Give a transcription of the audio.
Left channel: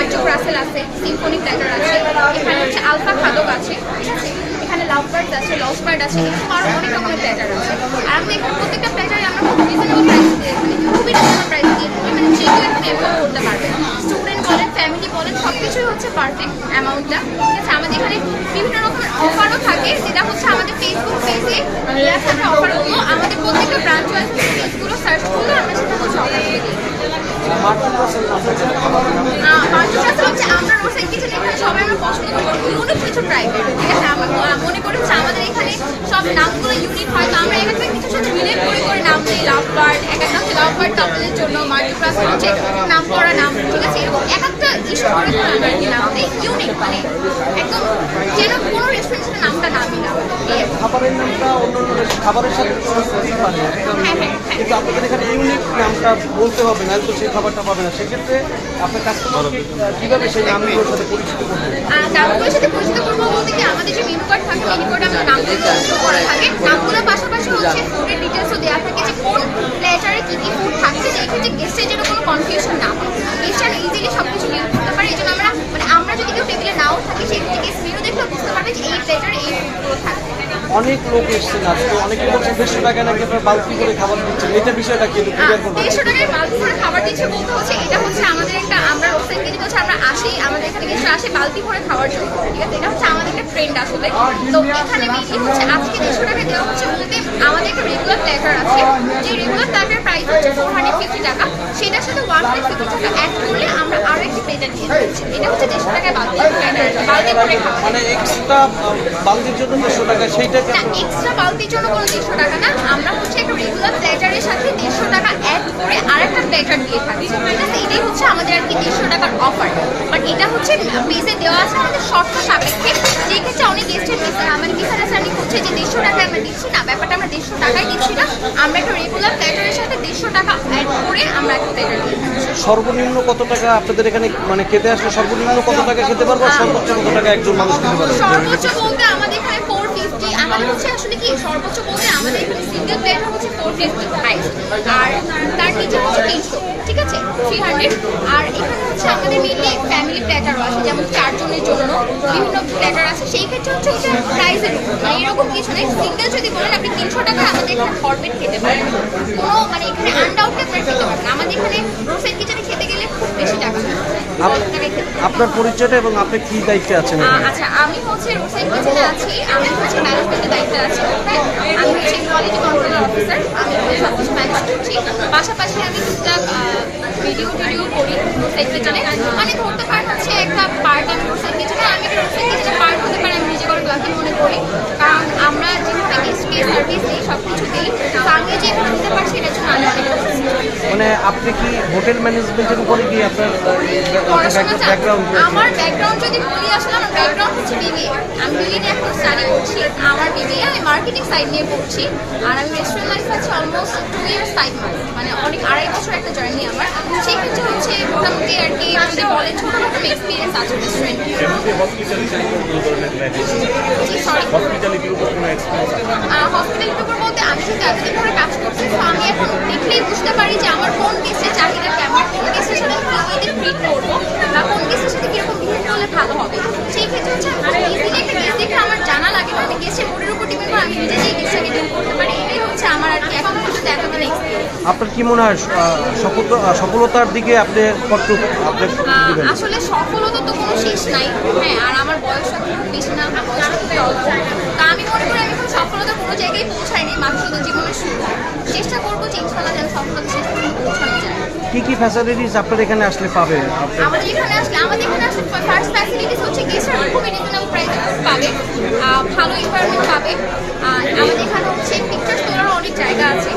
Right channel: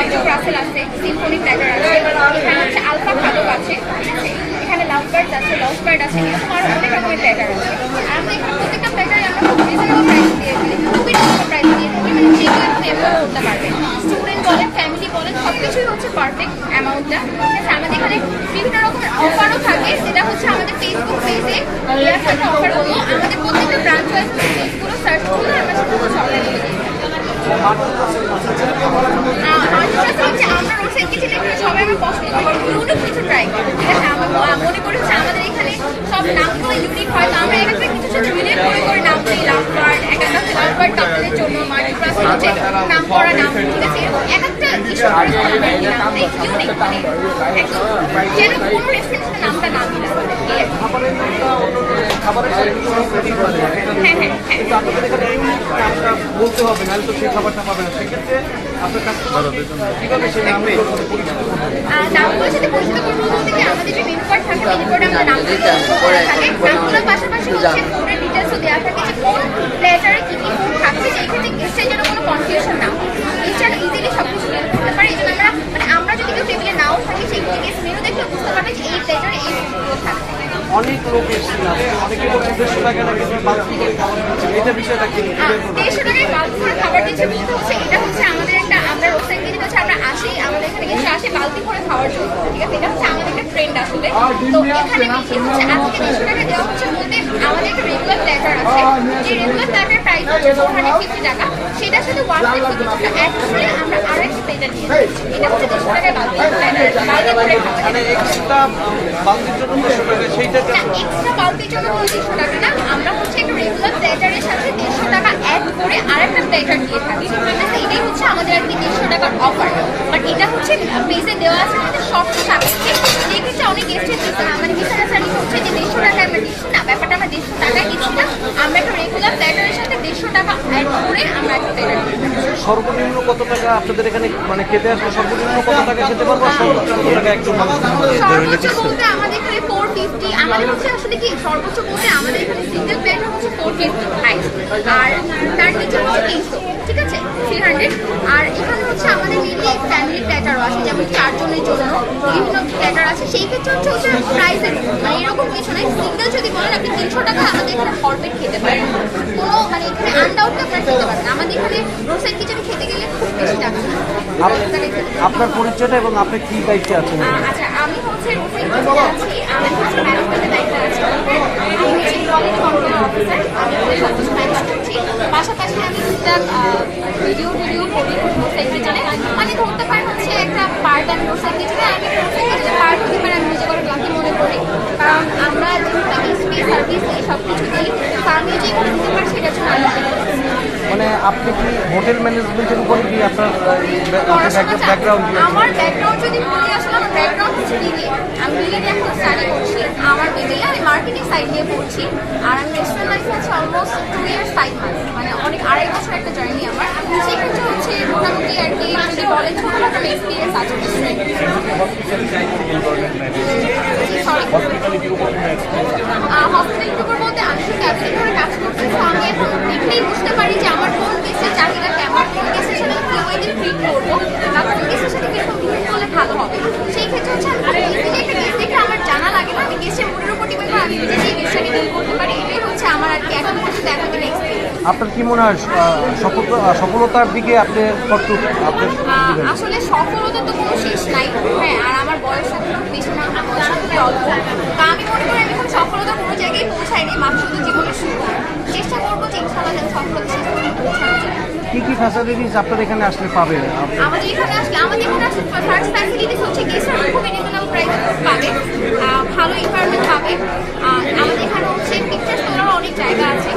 Item আছে। Symphony platter আছে এখানে হচ্ছে আলফা খাদক আছে এখানে লাভ বার্ড আছে লস বার্ড আছে, এরকম আরও আছে। আর প্রত্যেকটা প্ল্যাটারে আমরা খুব রিজনেবল প্রাইস দিয়ে মানে করতে পারবে। স্টুডেন্ট বলেন ফ্যামিলি বলেন সব কিছুই হচ্ছে পারফেক্ট অ্যামাউন্টটা ঠিক আছে? আমাদের এখানে বিভিন্ন অফারও থাকে, সেটা হচ্ছে আমাদের ফেসবুক পেজে দেওয়া থাকে অফারগুলো আমাদের প্রত্যেকটা ব্রাঞ্চ ওয়াইজ পেজগুলো সার্চ করলে আমরা সেটা হচ্ছে হচ্ছে আমরা রোসের কিছু এখানে সবাই পছন্দ করি কিছু ট্রাই ঠিক আছে, আমার মনে করি আমাদের এখানে সব নামগুলো ইউনিক হয়, তো আমরা এখানে কিছু সাথে রিলেট করে করে নাম দিই লাভ বার্ড বার্ড কাপলের জন্য মাল্টিপ্লাস হচ্ছে নাম করা, নাম নাম মানে কোনো রেস্টুরেন্টের নামটা না কিন্তু আপনাদের এখানে বলতে হবে নাহলে তো সেই খাবারটা পাবে না সেক্ষেত্রে আপনার কাস্টমার কীভাবে সেই সাথে পরিচিত নামগুলোর সাথে আমাদের যে মেনু পাশাপাশি ডিটেলসও দেওয়া থাকে যে কোন প্লেটারে কী কী ফুড থাকছে সেই ক্ষেত্রে গেস্টের যেন কোনো কনফিউশন না হয়। গেস্টরা ইজিলি সব কিছু করতে পারে এই জন্য আমরা মানে আমরা যদি কেউ টেবিলে নাও থাকি সেই ক্ষেত্রে গেস্ট মেনু দেখলে বুঝতে পারবে যে এই প্লেটারে এই ফুডগুলো থাকবে অনেক লোক এসছেন আজকে অনেক লোক দেড়শো টাকা নামে আপনারা বালতি করে খাবার দিচ্ছেন? এটা বিষয়টা কি? একটু clear করবেন? দেড়শো টাকায় বালতি করে খাবার দিচ্ছে বলতে হচ্ছে এটা হচ্ছে আমাদের একটা আমরা ওয়েবসাইট থেকে হচ্ছে আমরা আসি আমাদের এখানে কিছু আসে বালতি করে খাওয়ার জন্য। ঠিক আছে এটা হচ্ছে আমাদের ট্রেন্ড আসলে তো এখানে কি হচ্ছে? আজকে দেড়শো টাকা দেওয়া হচ্ছে বলতে আমাদের একটা রেগুলার লেটার আছে। যে রেগুলার লেটার প্রাইস হচ্ছে ফোর হান্ড্রেড ফিফটি টাকা। সেটার সাথে ওয়ান ফিফটি টাকা অ্যাড করে আমরা আরও একটা হচ্ছে আমাদের আর কি টাকার অফার এটা হচ্ছে দেওয়া আছে যে দেড়শো টাকা না ব্যাপারটা আমরা দেড়শো টাকা দিচ্ছি না আমরা রেগুলার সাথে দেড়শো টাকা করে আমরা সর্বনিম্ন কত টাকা আপনাদের এখানে মানে খেতে আসলে সর্বনিম্ন কত টাকা খেতে পারব? সর্বোচ্চ কত টাকা একজন মানুষ সর্বোচ্চ বলতে আমাদের এখানে হচ্ছে আসলে কি সর্বোচ্চ বলতে আমাদের এখানে সিঙ্গেল প্লেটার হচ্ছে ফোর ফিফটি হাইট আর তার নিচে তিনশো ঠিক আছে? থ্রি হান্ড্রেড আর এখানে হচ্ছে আমাদের মিলিয়ে ফ্যামিলি প্ল্যাটারও আছে যেমন চারজনের জন্য বিভিন্ন প্ল্যাটার আছে। সেই ক্ষেত্রে হচ্ছে হচ্ছে প্রাইসের মানে এরকম কিছু নেই। সিঙ্গেল যদি বলেন আপনি তিনশো টাকা আমাদের এখানে ভরপেট খেতে পারেন। কোনো মানে এখানে আনডাউটকে আপনার খেতে পারেন আমাদের এখানে রোসাইড কিচেনে খেতে গেলে খুব বেশি টাকা আপনার পরিচয়টা এবং আপনি কি দায়িত্বে আছেন আচ্ছা আমি হচ্ছে রোসাইড কিচেনে আছি। আমি হচ্ছে ম্যানেজমেন্টের দায়িত্বে আছি? আমি হচ্ছে কোয়ালিটি কন্ট্রোল অফিসার পাশাপাশি ভিডিও হচ্ছে একটা করে মনে করি কারণ আমরা সব মানে আপনি কি হোটেল ম্যানেজমেন্টের উপরে কি আপনার ব্যাকগ্রাউন্ড আমার ব্যাকগ্রাউন্ড যদি বলি হচ্ছে আমি বিবিএ এখন স্টাডি করছি আমার বিবিএ আমি মার্কেটিং সাইড নিয়ে পড়ছি আর আমি রেস্টুরেন্ট লাইফ আছি almost two years five month মানে অনেক আড়াই বছর একটা জার্নি আমার। সেই ক্ষেত্রে হচ্ছে মোটামুটি আর কি যদি বলেন ছোটখাটো এক্সপিরিয়েন্স আছে রেস্টুরেন্ট হসপিটালিটির উপর কোনো এক্সপিরিয়েন্স আছে হসপিটালিটির উপর বলতে আমি শুধু অ্যাবসেন্ট করে কাজ করছি তো আমি এখন দেখলেই বুঝতে পারি যে আমার কোন কেসের চাকরিটা কেমন কোন কেসের সাথে কীভাবে ট্রিট করব বা কোন কেসের সাথে কীরকম বিহেভ করলে ভালো হবে সেই ক্ষেত্রে হচ্ছে আমি ইজিলি একটা কেস দেখলে আমার জানা লাগে না আমি কেসের মুডের উপর ডিপেন্ড করে আমার আর কি এখন আপনার কি মনে হয় সফলতার দিকে আপনি আপনি আসলে সফলতা তো হ্যাঁ আর আমার সফলতা চেষ্টা করব সফলতা কি কি ফ্যাসিলিটিস আপনারা এখানে আসলে পাবে আমাদের এখানে আসলে, আমাদের এখানে আসলে ফার্স্ট ফ্যাসিলিটিস হচ্ছে পাবে। ভালো এনভায়রনমেন্ট পাবে। আমাদের এখানে হচ্ছে পিকচার তোলার অনেক জায়গা আছে।